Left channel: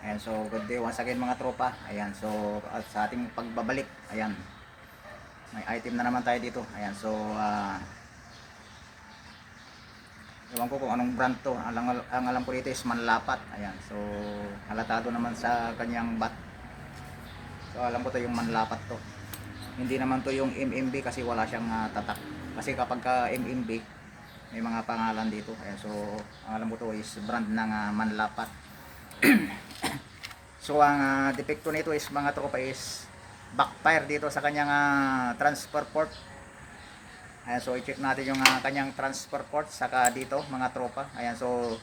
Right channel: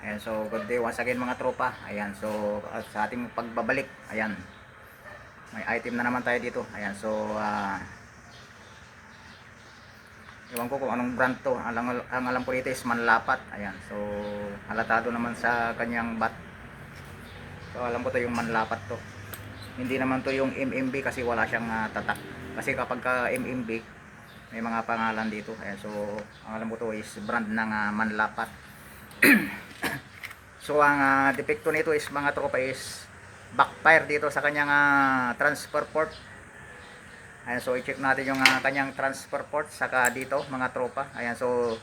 Ayan, so good day once again mga tropa. Ayan, so at sa ating pagbabalik, ayan. May item na naman tayo dito. Ayan, so ah Ewan ko kung anong brand to. Ang, ang, alam ko dito is Manlapat. Ayan, so halatado naman sa kanyang bat. So alam ko to yung Manlapat to. Hindi naman to yung MMB kasi wala siyang ah, tatak. Kasi kapag ka MMB, may mga pangalan dito. Ayan, so ang alam ko to is brand ng ah, Manlapat. so ang ah, depekto nito is mga tropa is backfire dito sa kanyang ah, transfer port. Ayan, so i-check natin yung ah, kanyang transfer port saka dito mga tropa. Ayan, so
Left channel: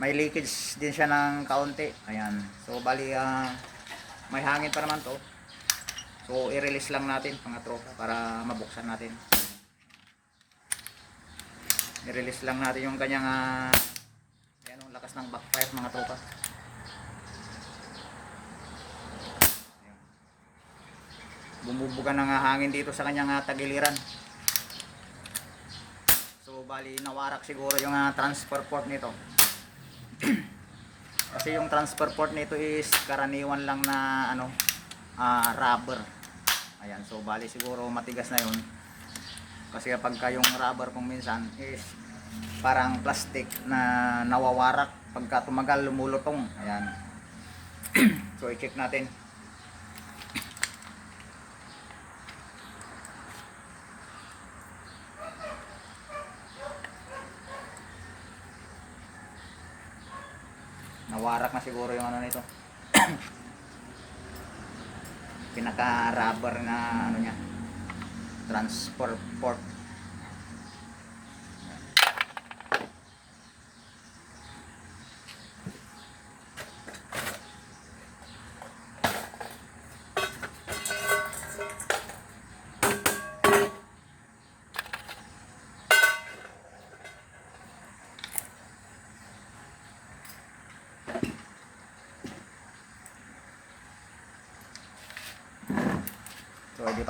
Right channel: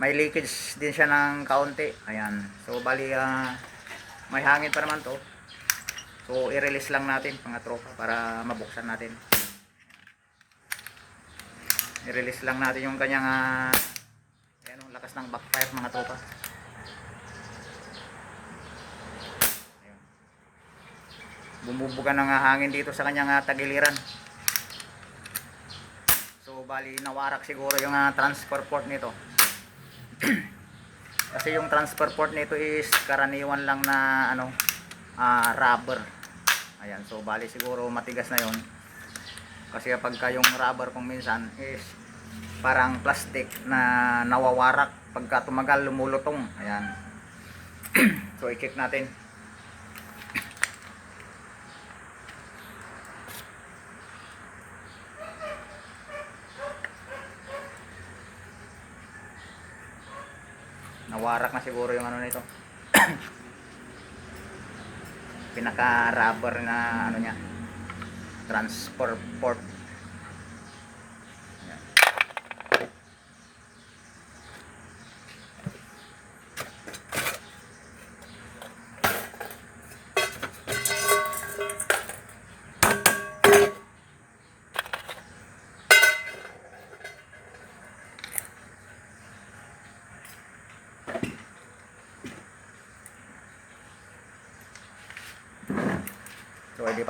may leakage din siya ng kaunti. Ayan. So bali ah, may hangin pa naman to. So i-release lang natin mga tropa para mabuksan natin. I-release lang natin yung kanyang ah, ayan, ang lakas ng backfire mga tropa. Bumubuga ng hangin dito sa kanyang ah, tagiliran. So bali nawarak siguro yung ah, transfer port nito. Kasi yung transfer port nito is karaniwan lang na ano ah, rubber. Ayan, so bali siguro matigas na yon. Kasi kapag ka yung rubber kung minsan is parang plastic na nawawarak pagka tumagal lumulutong. Ayan. so i-check natin. Nawarak na siguro yung ano nito. Pinaka rubber na ano niya. Transfer port. Ayan.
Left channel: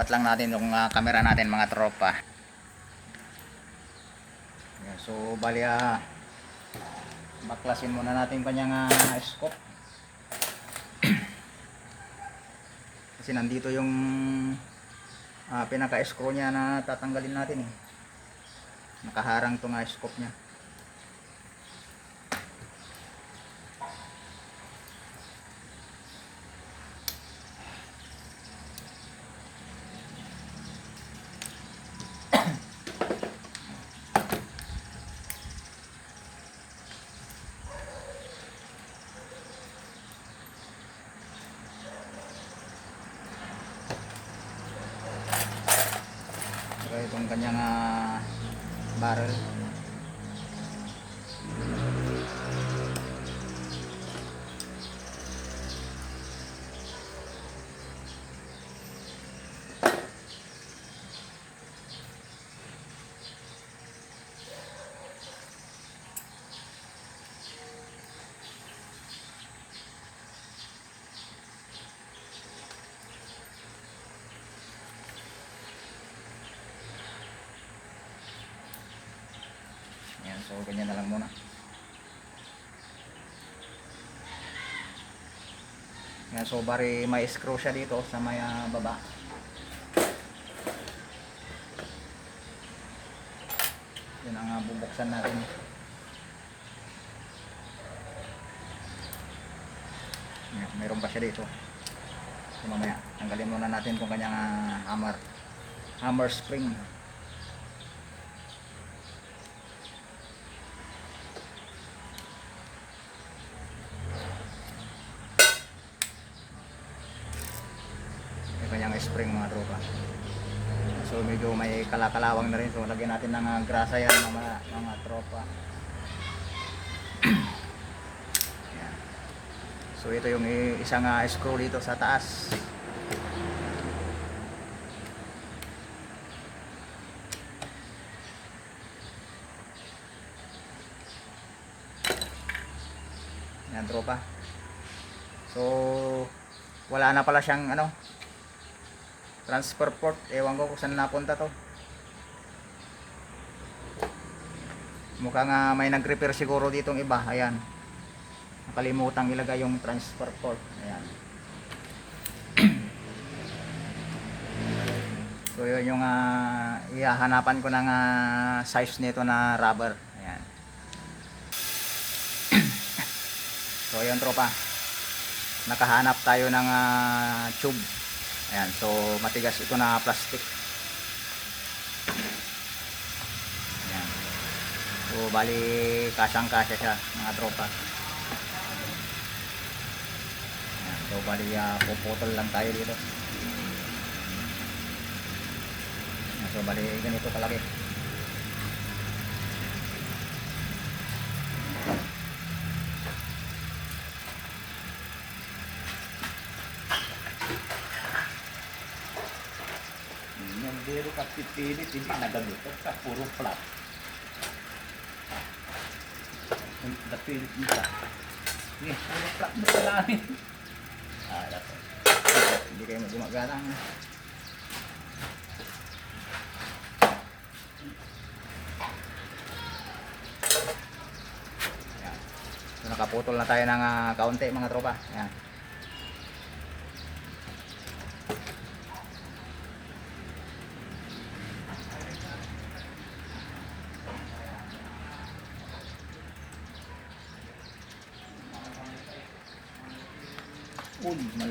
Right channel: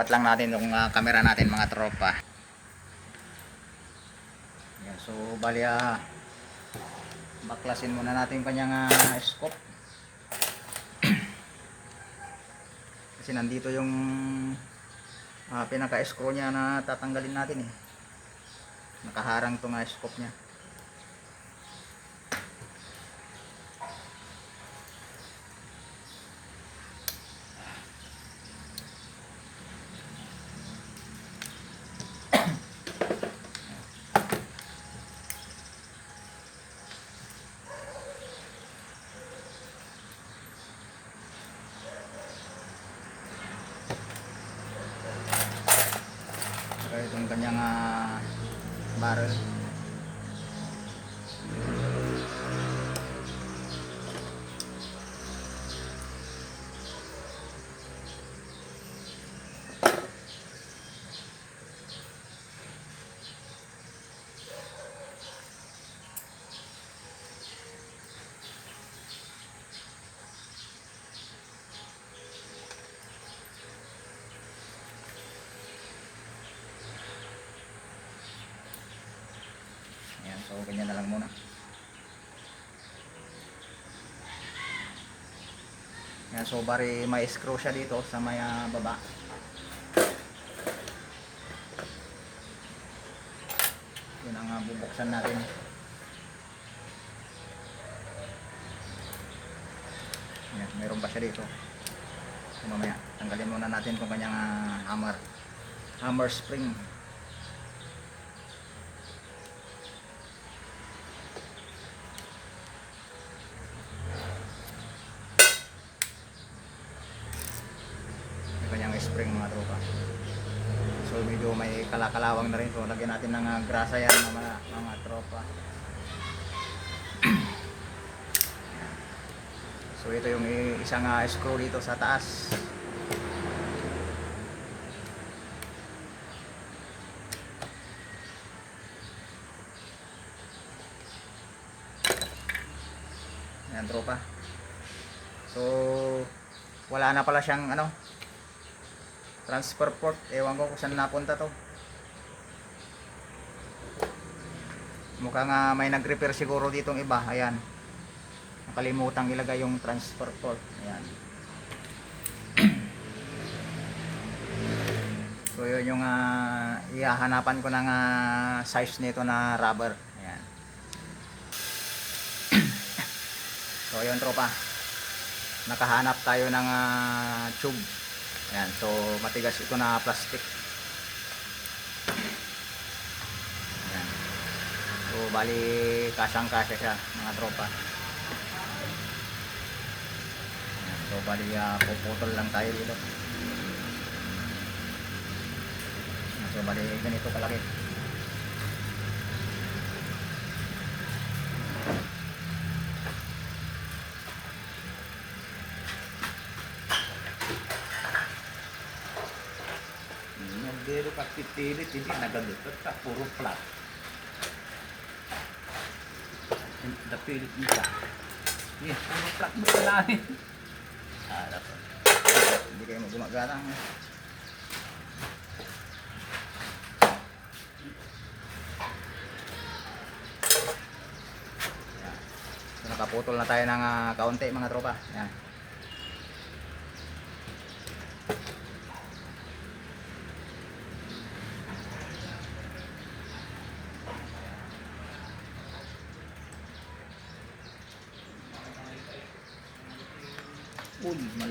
Ilipat lang natin yung ah, camera natin mga tropa. Ayan, so bali ah, baklasin muna natin kanyang ah, scope. Kasi nandito yung ah, pinaka-screw niya na tatanggalin natin eh. Nakaharang to nga scope niya. So itong kanyang ah, barrel. Ayan, so ganyan na lang muna. Ayan, so bari may screw siya dito sa may ah, baba. Yun ang ah, bubuksan natin. Ayan, meron pa siya dito. So, mamaya, tanggalin muna natin kung kanyang ah, hammer. Hammer spring. Spring mga tropa. So medyo may kalakalawang na rin. So lagyan natin ng ah, grasa yan mga, mga tropa. So ito yung isang ah, screw dito sa taas. Yan tropa. So wala na pala siyang ano transfer port ewan ko kung saan napunta to mukha nga may nag repair siguro ditong iba ayan Nakalimutan ilagay yung transfer port. Ayan. So yun yung uh, ihahanapan ko ng ah, size nito na rubber. Ayan. so yun tropa. Nakahanap tayo ng ah, tube. Ayan. So matigas ito na plastic. Ayan. So bali kasang kasya siya mga tropa. Ayan. So bali ah, puputol lang tayo dito. So bali ganito kalaki. Yung biro ka pipilit, hindi nagalutot ka, puro flat. Napilit ka. Eh, puro flat mo sa namin. Ah, dapat. Hindi kayo gumagana. So, nakaputol na tayo ng ah, kaunti mga tropa. Yan.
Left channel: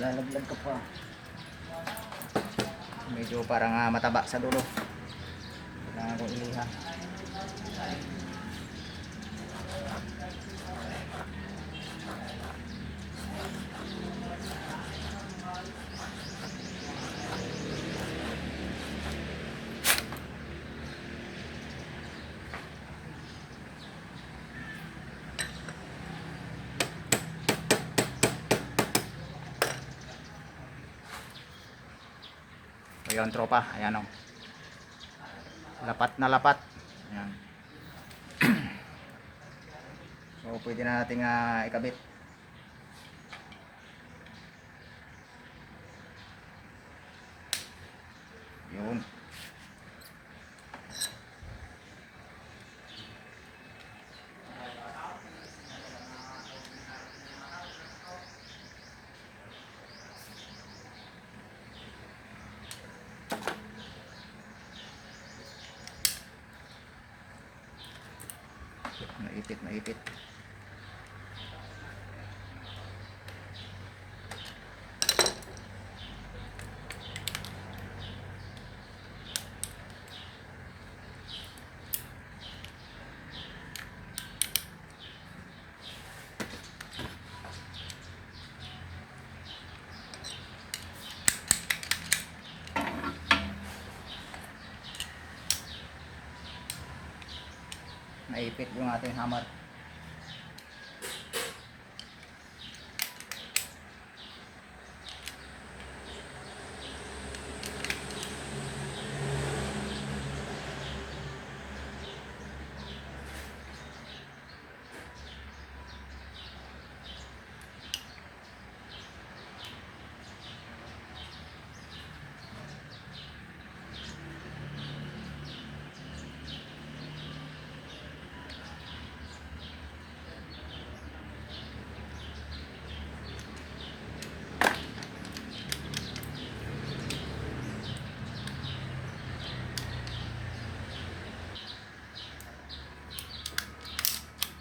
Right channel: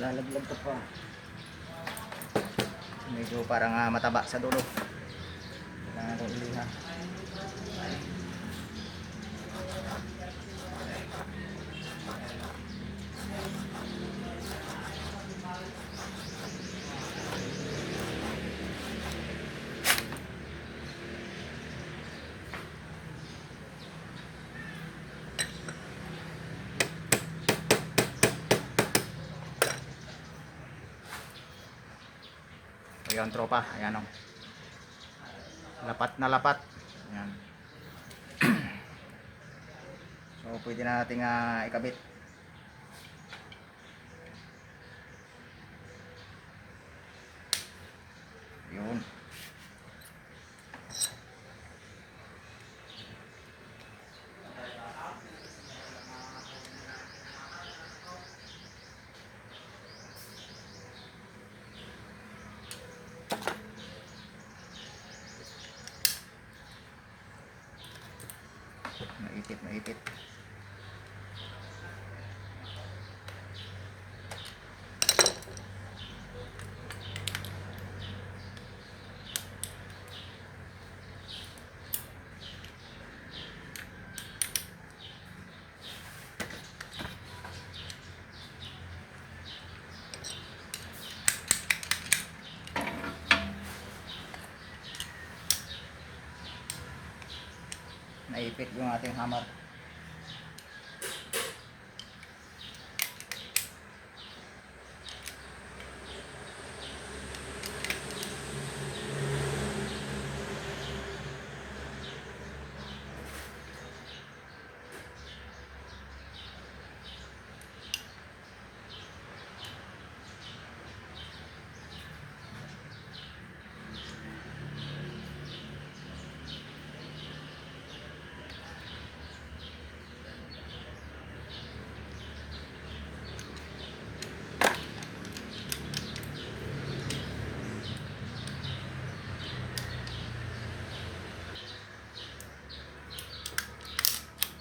Uy, malalaglag ka pa. Medyo parang ah, mataba sa dulo. Kailangan ko iliha. Ayun tropa, ayan o. Lapat na lapat. Ayan. so pwede na nating ah, ikabit. Yun. Naipit, naipit. Naipit yung ating hammer.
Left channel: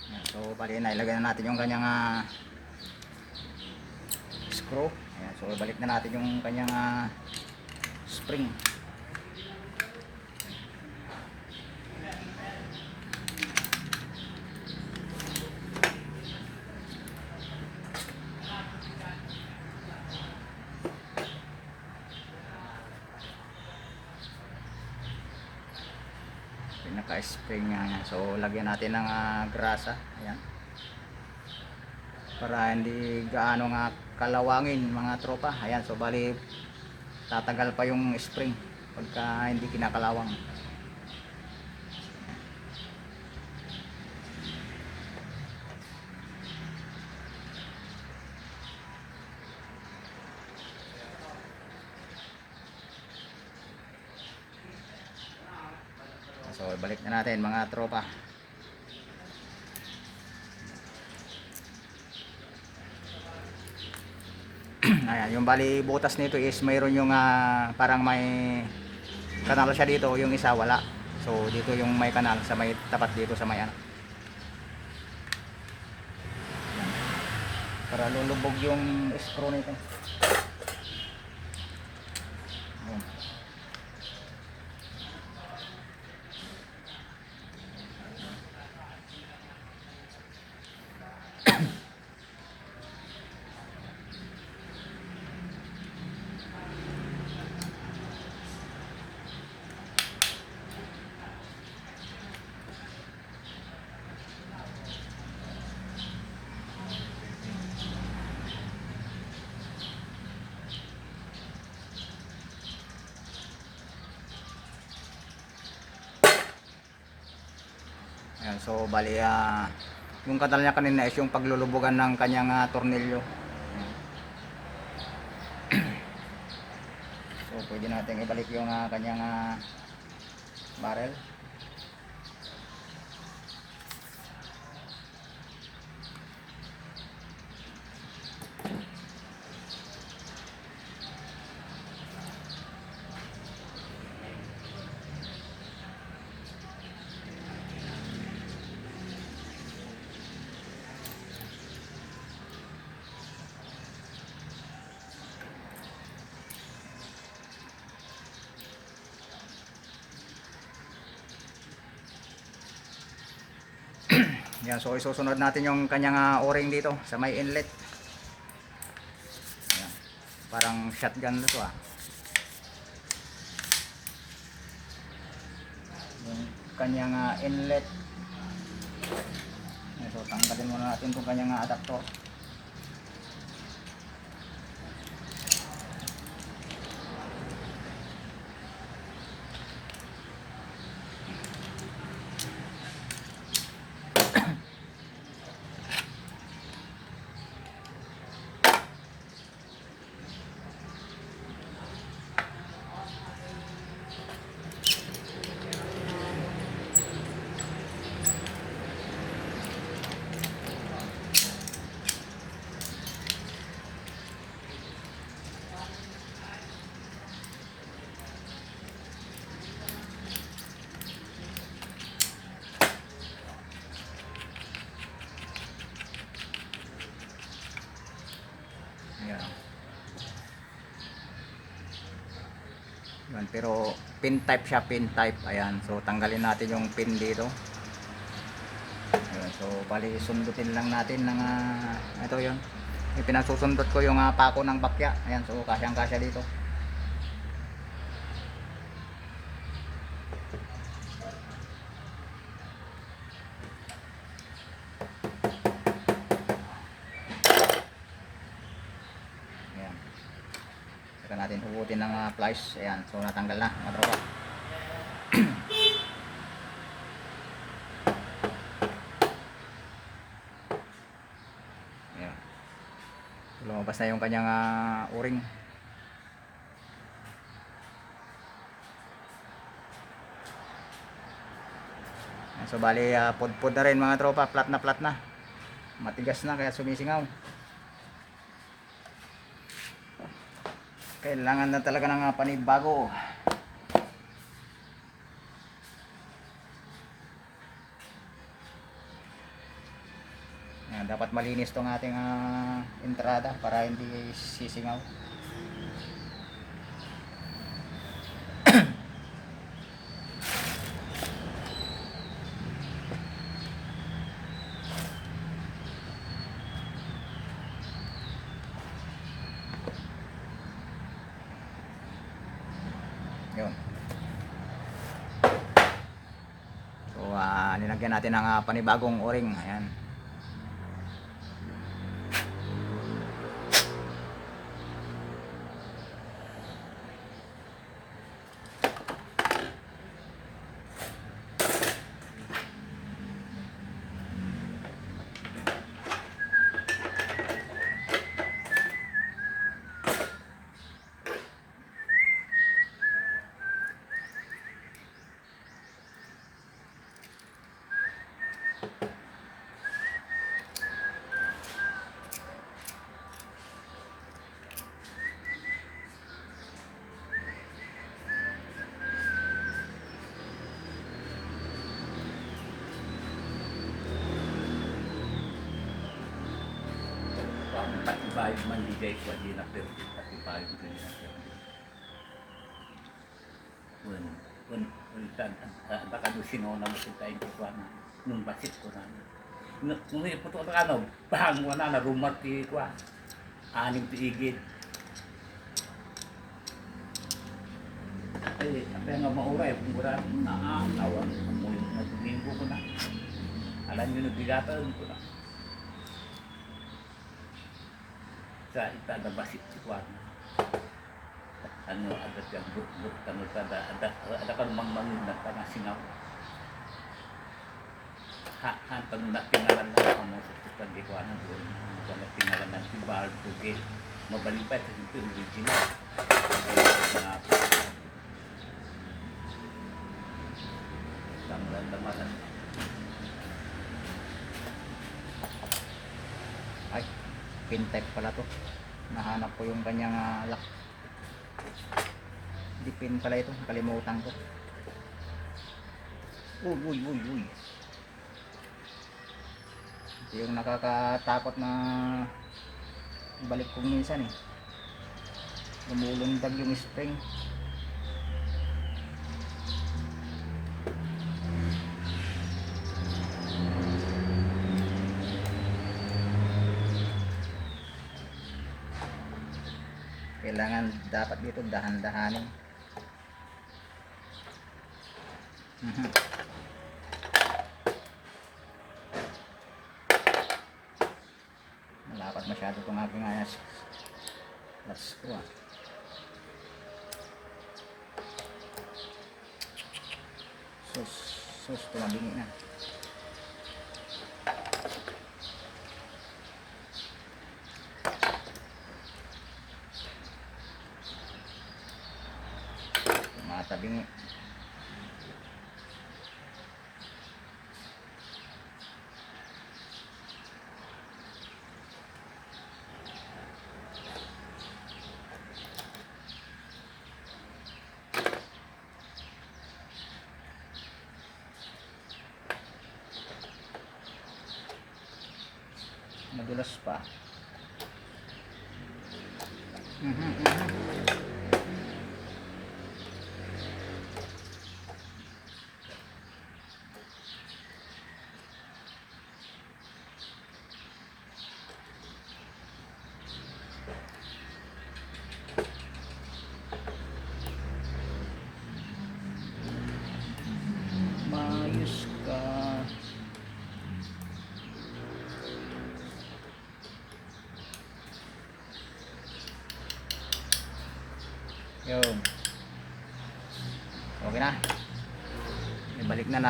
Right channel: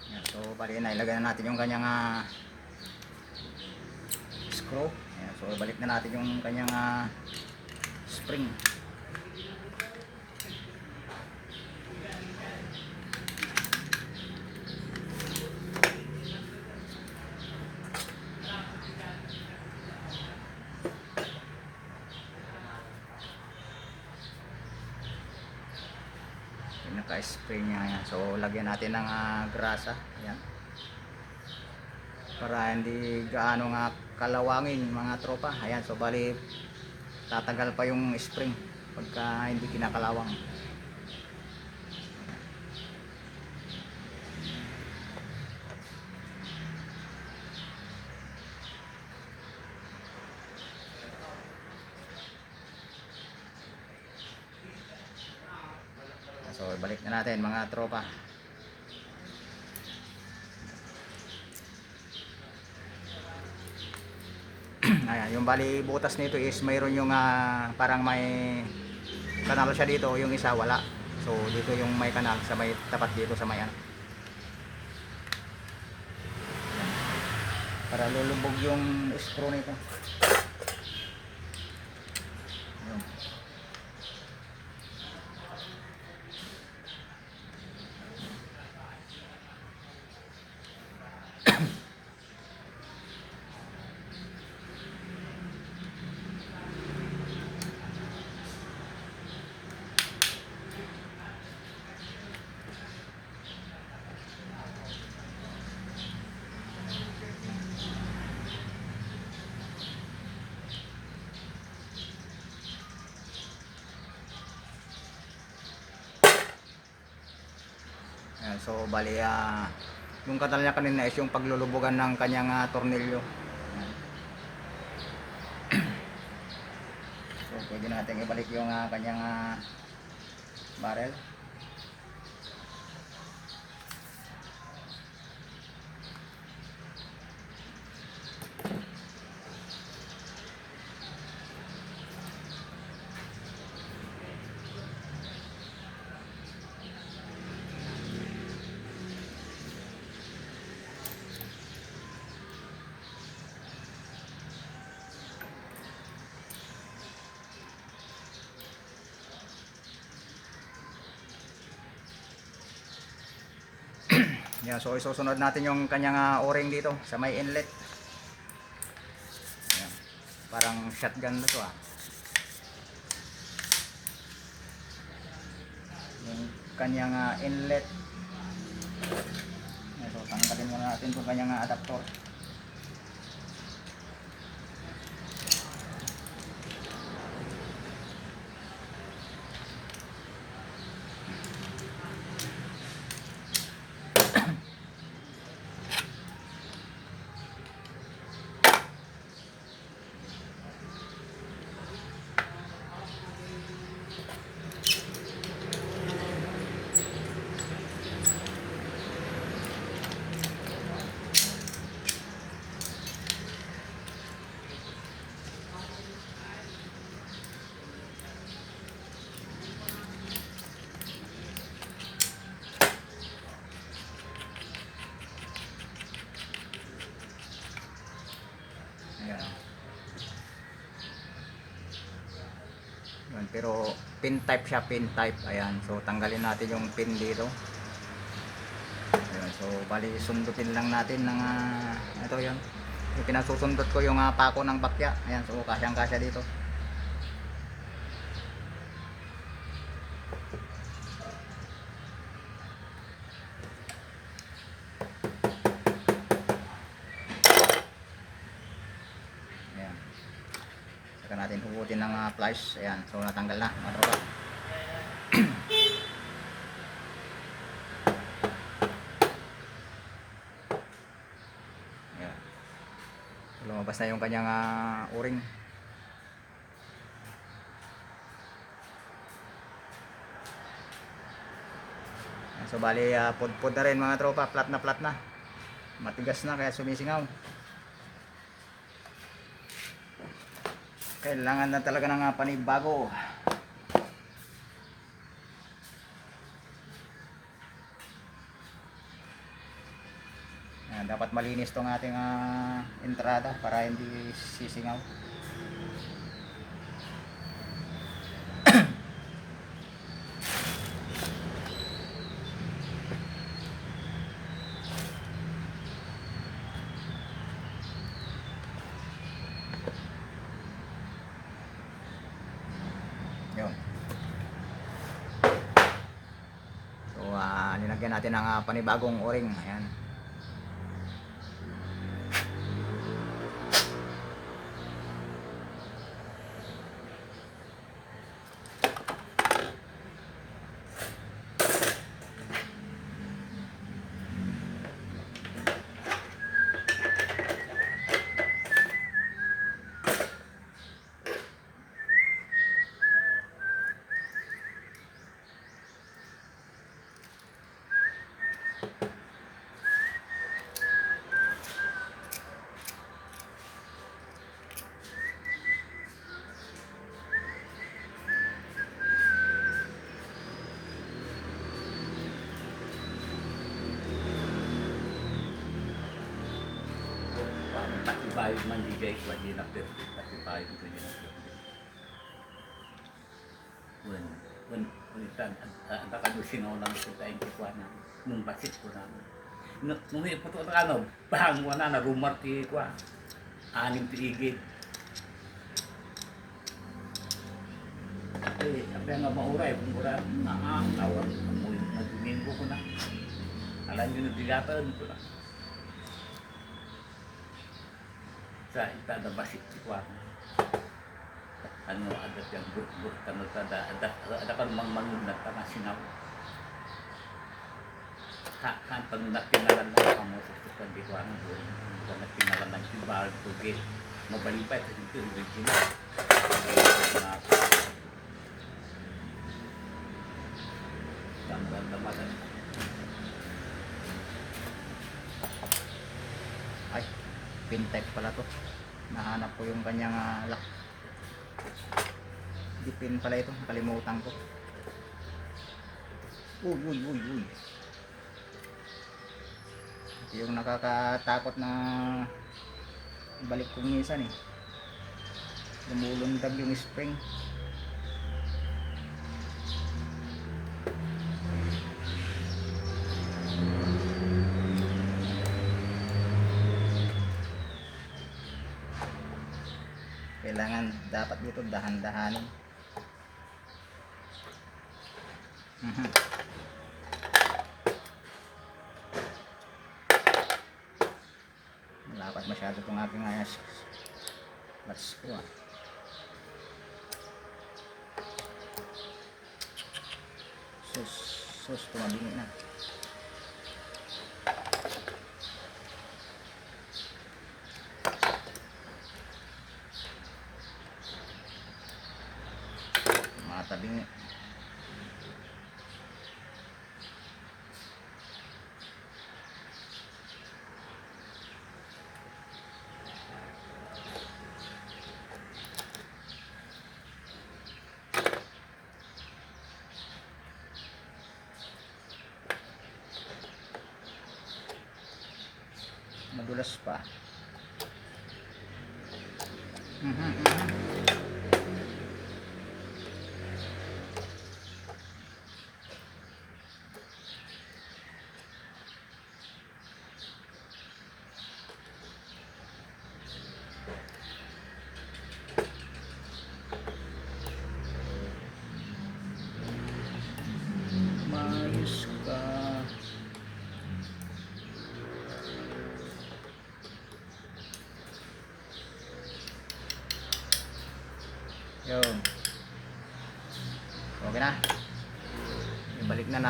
Yan, So, bali na, ilagay na natin yung kanyang ah, screw. Ayan, so, balik na natin yung kanyang ah, spring. Pinaka-spray niya yan. So, lagyan natin ng ah, grasa. Ayan. Para hindi gaano nga kalawangin mga tropa. Ayan, so bali tatagal pa yung spring pagka hindi kinakalawang. mga tropa. Ayan, yung bali butas nito is mayroon yung uh, parang may kanal siya dito, yung isa wala. So dito yung may kanal sa may tapat dito sa may ano. Para lulubog yung screw nito. Bali ah, yung katal niya kanina is yung paglulubugan ng kanyang ah, tornilyo. So pwede natin ibalik yung ah, kanyang ah, barrel. Yan, so isusunod natin yung kanyang ah, o-ring dito sa may inlet. Yan. Parang shotgun to ah. Yung kanyang ah, inlet. Yan, so tanggalin muna natin itong kanyang ah, adapter. Yan. Yan, pero pin type siya, pin type. Ayan, so tanggalin natin yung pin dito. Ayan, so bali sundutin lang natin ng ah, ito yun. Yung pinasusundot ko yung ah, pako ng bakya. Ayan, so kasyang kasya dito. Ayan. Saka natin plies. Ayan, so natanggal na mga tropa. Lumabas na yung kanyang uh, uring. So bali uh, pod-pod na rin mga tropa, flat na flat na. Matigas na kaya sumisingaw. Kailangan na talaga ng uh, panibago. Ayan, dapat malinis tong ating ah, entrada para hindi sisingaw. Yun. So, linagyan natin ng ah, panibagong o-ring. Ayan. Katibayo man di jay ko di na perdi. Katibayo man di na perdi. When when when tan ang takado sino na mo sa tayo ko na nung basit ko na. Nung nung iputo na ano, bang wala na rumar ti ko. Anim ti igid. Eh, apa yang mau urai, murah, nah, lawan, mau nagingin ko ko na. Alam nyo na bigatan ko na. Sa ita na basit si Kwan. Ano, ada yang but-but, ano, ada, ada, ada kan mang-mangun na tanah singaw. Ha, han, pag nakingalan na ako mo sa tukan di Kwan, doon, kung nakingalan ng tibal, tugi, mabalipay sa ito, original. Na, Ramdaman Ay, pintech pala to. Nahanap ko yung kanyang ah, lock. Di pin pala ito, nakalimutan ko. Uy, uy, uy, uy. Ito yung nakakatakot na balik kong minsan eh. Lumulundag yung spring. Kailangan dito dahan-dahanin. Mhm. Malapad masyado itong ating ayas. Let's go ah. Sus, sus, tumabingi na. Mm-hmm, mm-hmm.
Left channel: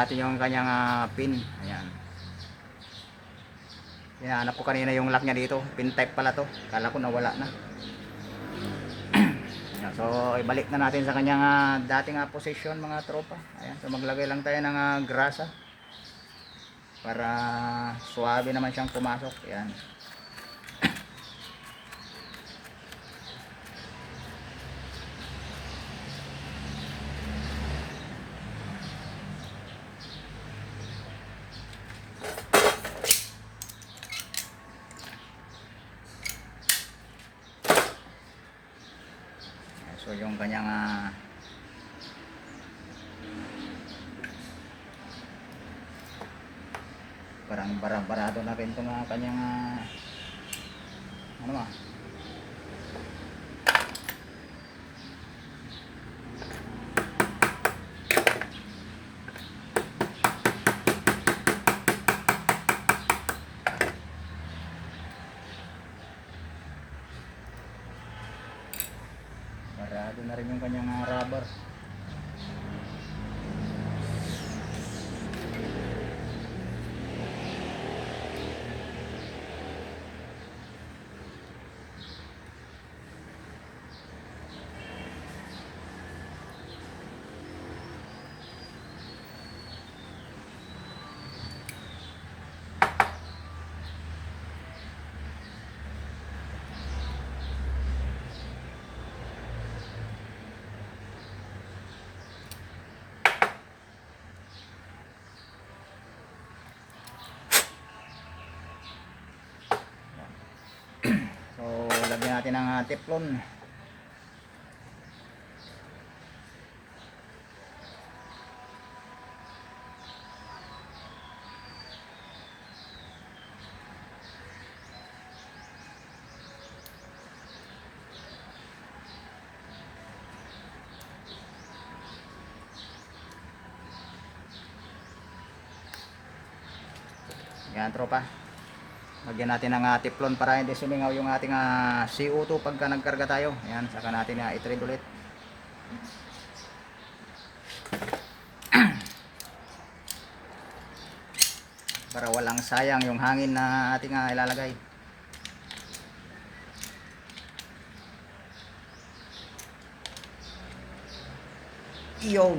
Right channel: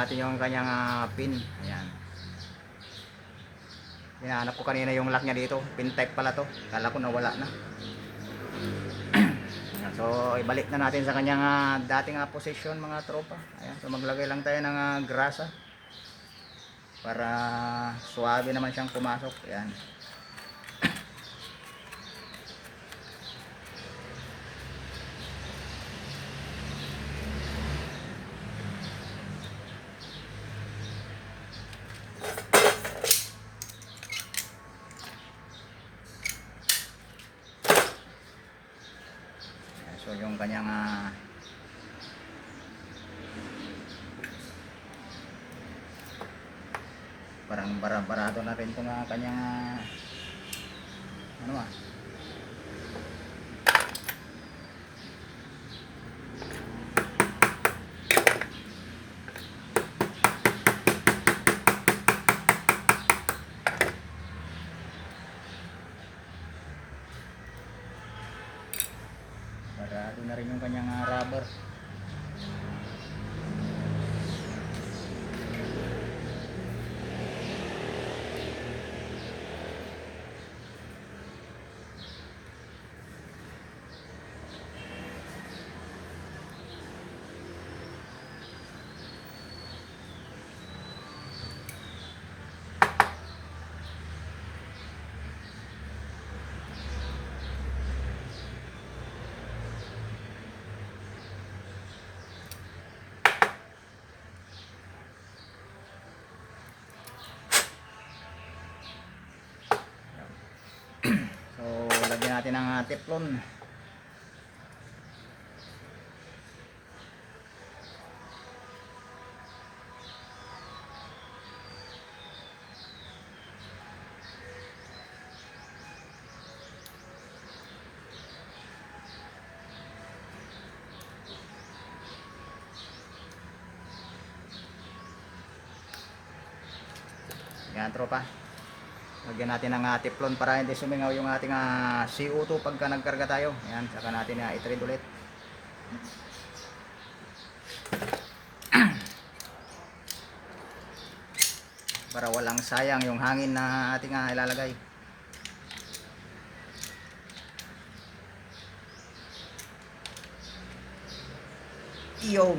Natin yung kanyang ah, pin. Ayan. Hinahanap ko kanina yung lock niya dito. Pin type pala to. Kala ko nawala na. Ayan, so, ibalik na natin sa kanyang ah, dating ah, position mga tropa. Ayan. So, maglagay lang tayo ng ah, grasa. Para suwabe naman siyang pumasok. Ayan. So yung kanyang ah, parang bara-barado na rin itong ah, kanyang natin ang ah, teflon. Yan tropa. Lagyan natin ng uh, teflon para hindi sumingaw yung ating ah, CO2 pagka nagkarga tayo. Yan, saka natin na i-trade ulit. para walang sayang yung hangin na ating ah, ilalagay. Yun.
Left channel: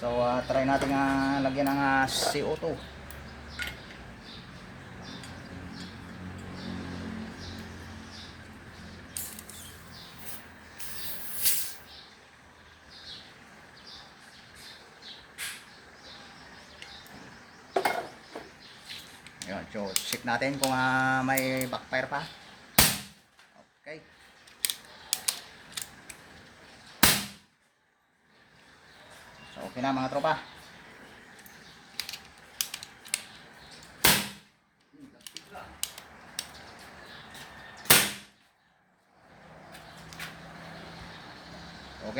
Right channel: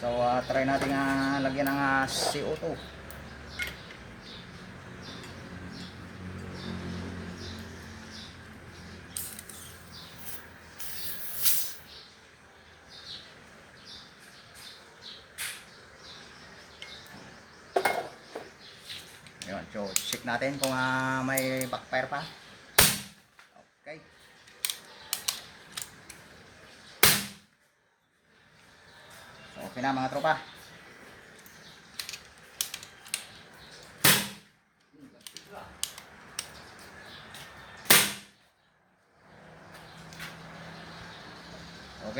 So, ah, try natin nga lagyan ng ah, CO2. Ayan, so check natin kung ah, may backfire pa. Okay. So, okay na mga tropa.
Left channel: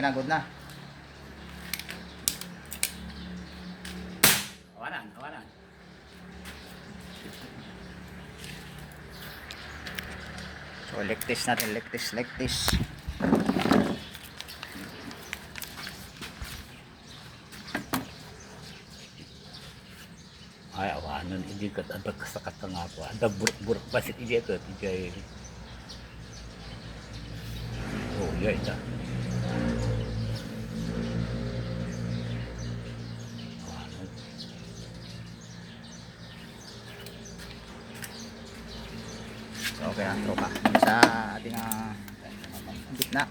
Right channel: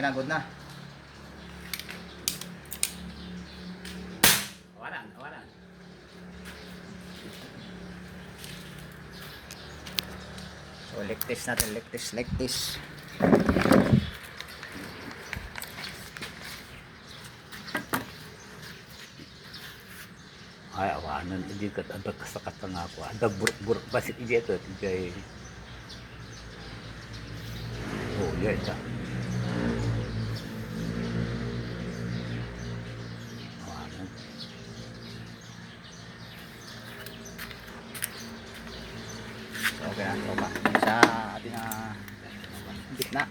Okay na, good na. Kawanan, kawanan. So, like this natin, like this, like this. Ay, awanan, hindi ka ada kasakat nga ako. Ada buruk-buruk basit iya ka, tijay. Oh, iya ita. Awanan. So, okay na, tropa. Sa ating uh, gitna.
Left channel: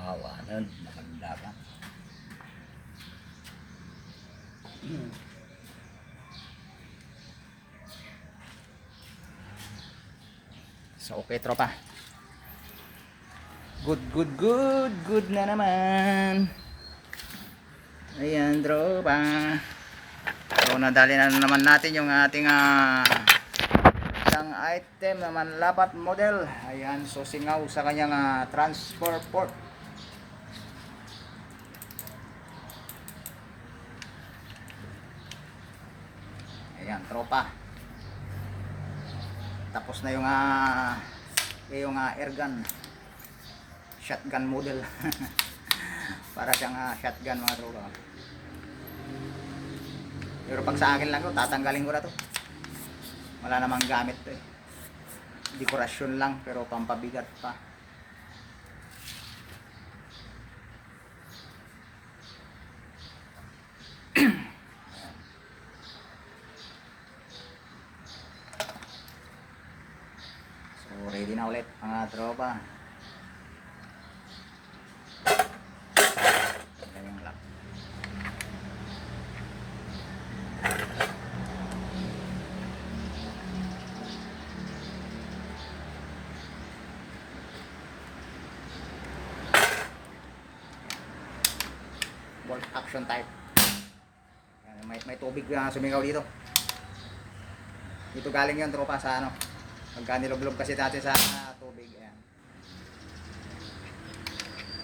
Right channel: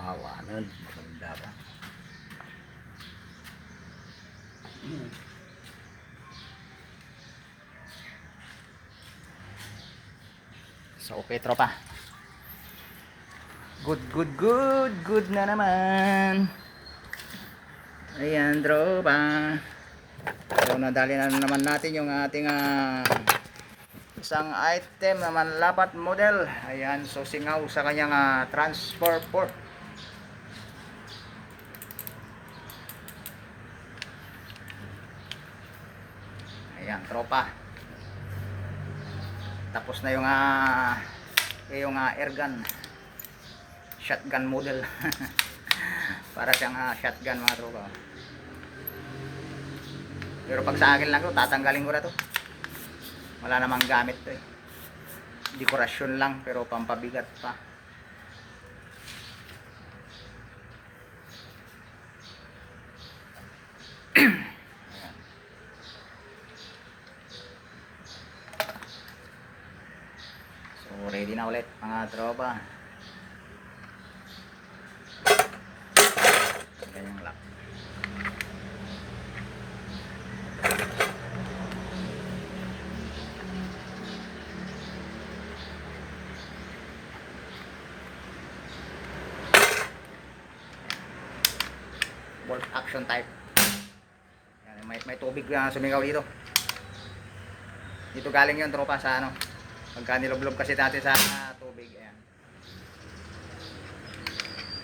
Awanan, maganda ka. So, okay, tropa. Good, good, good. Good na naman. Ayan, tropa. So, nadali na naman natin yung ating ah, isang item na manlapat model. Ayan, so singaw sa kanyang ah, transfer port. Ayan, tropa. Tapos na yung ah yung ah, air gun. Shotgun model. Para siyang ah, shotgun mga tropa. Pero pag sa akin lang to, tatanggalin ko na to. Wala namang gamit to eh. Dekorasyon lang pero pampabigat pa. Ayan. Ready na ulit mga tropa. Yan yung bolt action type. Yan, may, may tubig na sumingaw dito. Dito galing yung tropa sa ano. Pagka niloblob kasi natin sa tubig. Ayan.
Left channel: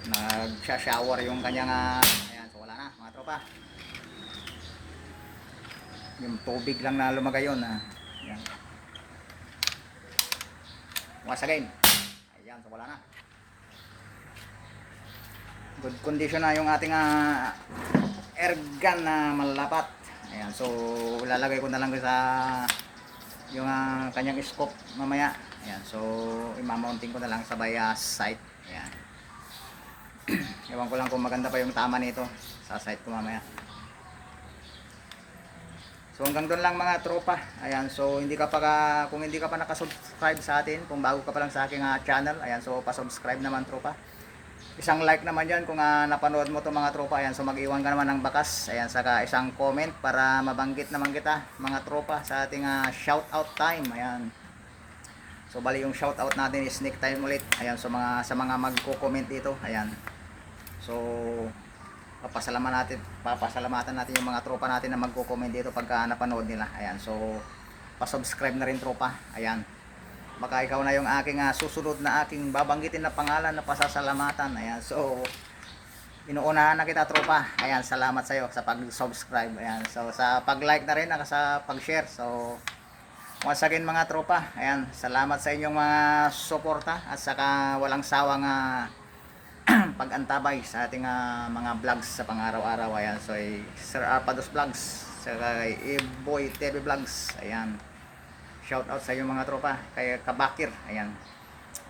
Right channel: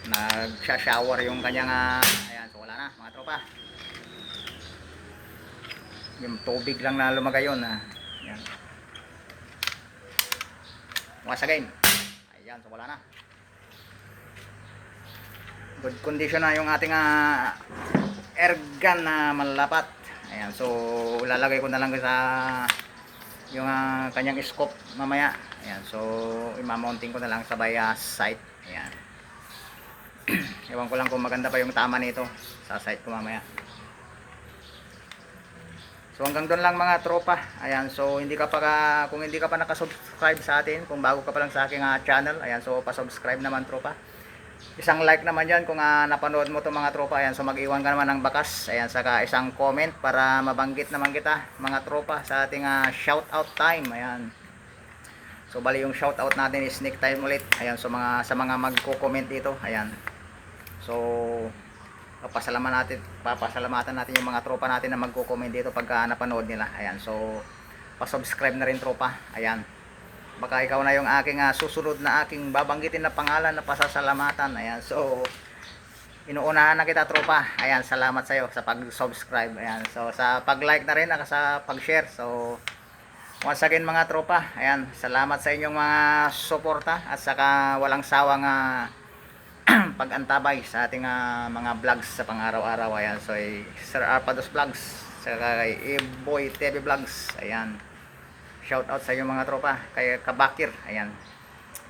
Nagsha-shower yung kanyang ah, ayan, so wala na mga tropa. Yung tubig lang na lumagay yun. Ah. Ayan. Once again. Ayan, so wala na good condition na yung ating ah, air gun na malalapat ayan so lalagay ko na lang sa yung ah, kanyang scope mamaya. Ayan so imamounting ko na lang sa by ah, site. Ayan. Ewan ko lang kung maganda pa yung tama nito. Sa site ko mamaya. So hanggang doon lang mga tropa. Ayan, so hindi ka pa ka- kung hindi ka pa nakasubscribe sa atin, kung bago ka pa lang sa aking ah, channel, ayan, so pa-subscribe naman tropa. Isang like naman yan kung ah, napanood mo to mga tropa. Ayan, so mag-iwan ka naman ng bakas. Ayan, saka isang comment para mabanggit naman kita mga tropa sa ating ah, shout out time. Ayan. So bali yung shout out natin is sneak time ulit. Ayan, so mga sa mga magko-comment dito. Ayan. So papasalamatan natin, papasalamatan natin yung mga tropa natin na magko-comment dito pagka napanood nila. Ayan, so pa-subscribe na rin tropa. Ayan. Baka ikaw na yung aking ah, susunod na aking babanggitin na pangalan na pasasalamatan. Ayan, so inuunahan na kita tropa. Ayan, salamat sa iyo sa pag-subscribe. Ayan, so sa pag-like na rin at sa pag-share. So once again mga tropa, ayan, salamat sa inyong mga suporta at saka walang sawang ah, pag-antabay sa ating ah, mga vlogs sa pang-araw-araw. Ayan, so eh, Sir Arpados Vlogs, saka kay E-Boy TV Vlogs. Ayan. Shout out sa inyong mga tropa, kay Kabakir, ayan.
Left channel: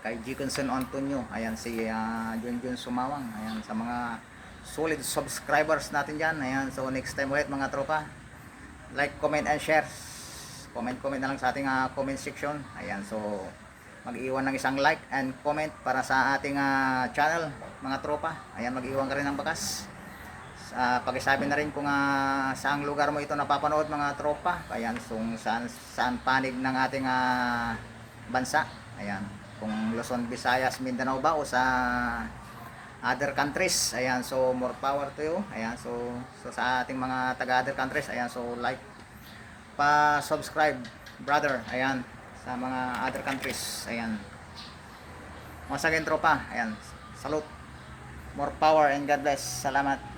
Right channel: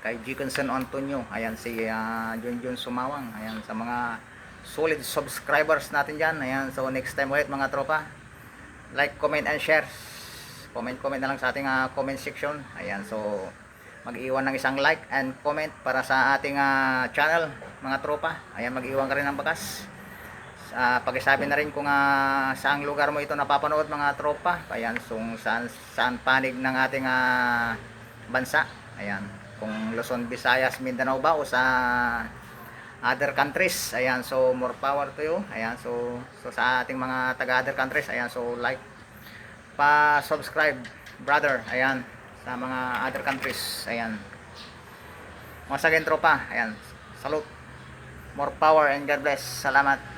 Kay Jiconson Antonio, ayan si uh, Junjun Sumawang, ayan sa mga solid subscribers natin diyan. Ayan, so next time ulit mga tropa. Like, comment and share. Comment comment na lang sa ating ah, comment section. Ayan, so mag-iwan ng isang like and comment para sa ating ah, channel mga tropa ayan mag-iwan ka rin ng bakas uh, pakisabi na rin kung ah, saang lugar mo ito napapanood mga tropa. Ayan kung saan, saan panig ng ating ah, bansa. Ayan kung Luzon, Visayas, Mindanao ba o sa other countries. Ayan so more power to you. Ayan so, so sa ating mga taga other countries ayan so like pa subscribe brother. Ayan sa mga other countries. Ayan. Once again tropa ayan salute. More power and God bless. Salamat